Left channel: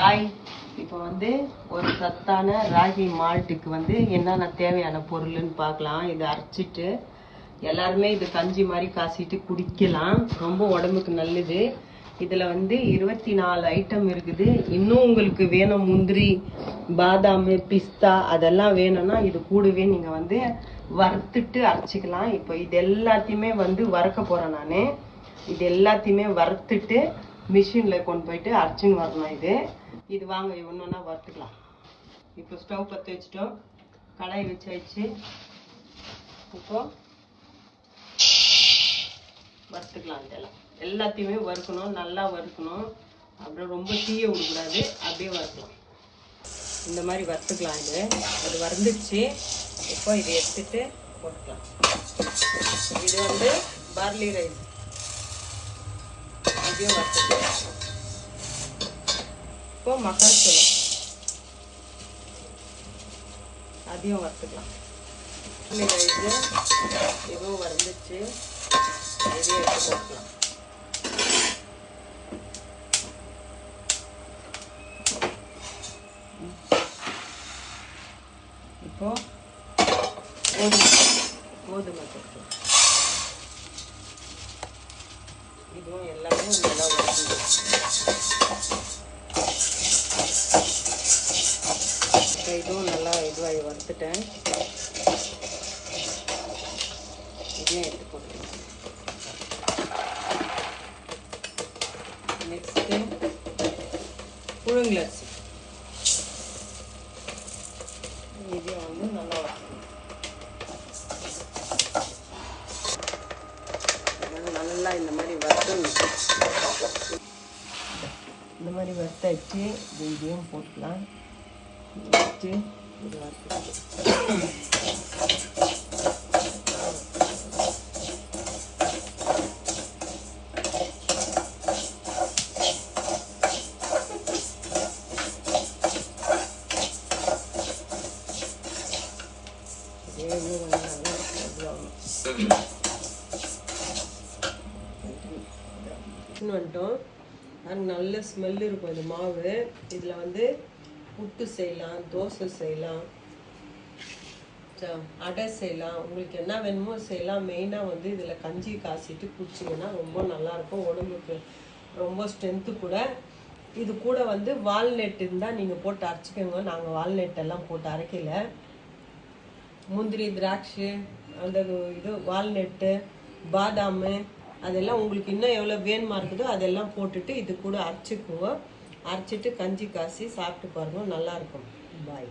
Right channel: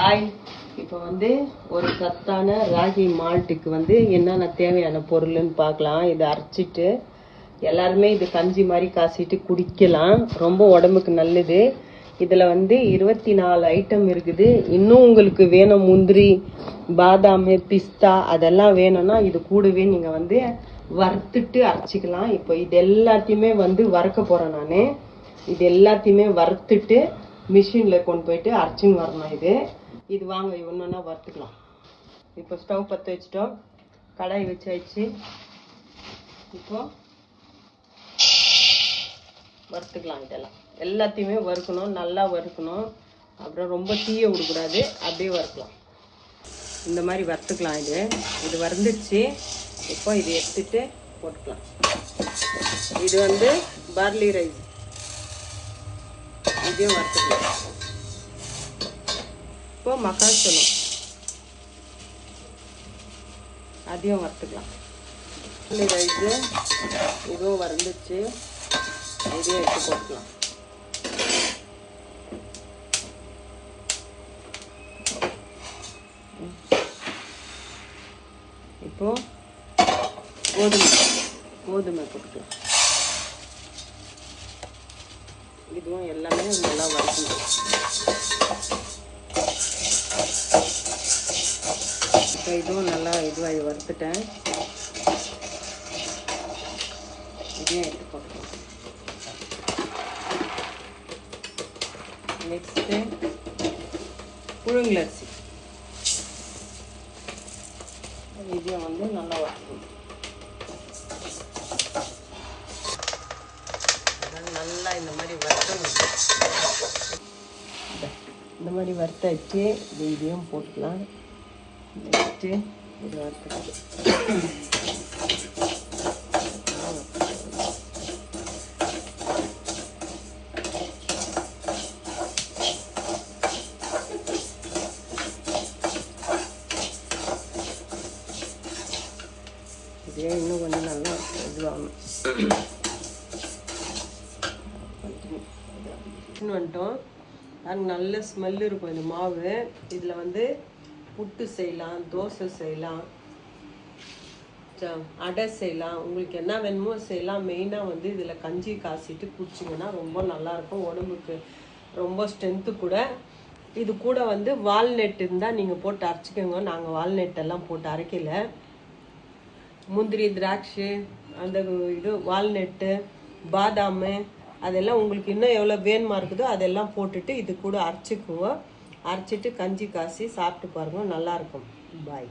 Hi இப்போ வந்து ஒரு சத்தான ராகி மால்ட்டுக்கு வந்து என்னென்ன தேவையான பொருள்னு பார்க்கலாம். இதை அரைச்சிட்டு எல்லாருமே இது கஞ்சி மாதிரி காசிட்டு குடிக்கலாம். ரொம்ப உடம்புக்கு நல்லது. இதில் வந்து இருபத்தி நாலு ஐட்டம் இருக்குது. இன்னும் உங்களுக்கு வேணும் முந்திரி பாதாம் பிஸ்தா அதெல்லாம் வேணும்னா இது கூடவே நீங்கள் வந்து வறுத்துட்டு அரைச்சிக்கலாம். இப்போ இது எல்லாத்தையுமே வந்து வறுக்க போகிறேன் நான். இது எல்லாத்தையுமே வறுத்துட்டு மிஷினில் கொண்டு போயிட்டு அரைச்சின்னு வரணும் இது. இது வாங்க ஒன்று வறுத்துக்கலாம். இப்போ ஸ்டவ் பற்ற வச்சிட்டோம். கடாய் வச்சாச்சு இப்போ வறுத்துக்கலாம் இதெல்லாம். எல்லாத்தையுமே வறுக்கணும் நல்லா வறுக்கணும். அப்புறம் ரொம்ப தீய விடக்கூடாது அப்படியே வறுக்கலாம். இந்த மாதிரி வறுத்துக்கலாம் இது. இது வறுந்துச்சு இப்போ இதை எடுத்துட்டு போட்டுக்கலாம். இது வந்து பார்லி ரைஸ். அப்படியே வறுத்துக்கலாம் இப்போ மக்காச்சோளம் அதையும் வறுத்துக்கலாம். பார்லி ரைஸு இதுவும் வறுந்துச்சு இதையும் எடுத்து கொடுக்கலாம். இப்போ கோதுமை கோதுமை கொடுக்கலாம் இதுவும் எல்லாமே நல்லா வறுக்கணும் இதுவும் நல்லா இதுவாகி வறுத்துட்டேன். இதையும் எடுத்து நெக்ஸ்ட்டு புழுங்கலரிசி இதையும் வந்து நல்லா இந்த மாதிரி வறுக்கணும் இந்த மாதிரி வறுத்தாச்சு இது இதையும் போட்டுக்கலாம். நெக்ஸ்ட்டு இதே இன்னும் கொஞ்சம் நல்லா இதுவாகணும் எடுத்துன்னு வந்துட்டோம். அது நல்ல ஸ்மெல் இருக்கும் இந்த மாவு. இதில் வந்து புட்டு செய்யலாம் தோசை செய்யலாம். அடை செய்யலாம். உங்களுக்கு என்ன வேணுமோ செய்யலாம். மெயினாக வந்து இதில் கஞ்சி காய்ச்சிட்டு குடிச்சிங்கன்னா ரொம்ப நல்லாயிருக்கும் உடம்புக்கு ரொம்ப ஸ்ட்ரென்த்து கூட. இது கூட வந்து வால்நட் இருந்தால் நீங்கள் போட்டு அரைச்சிக்கோங்க. நாங்கள் வால்நட் எல்லாம் போட்டு அரைக்கல. முந்திரி திராட்சை அந்த இது வால்நட்டு பாதாம் அதெல்லாம் உங்களுக்கு இன்னும் எவ்வளோ வேணுமா இருக்குதோ அதெல்லாம் போட்டுட்டு இது கூட அரைச்சிக்குவோம். அரைச்சிட்டு கஞ்சி காசி சாப்பிட்டு பாருங்க நல்லாயிருக்கும் பாய்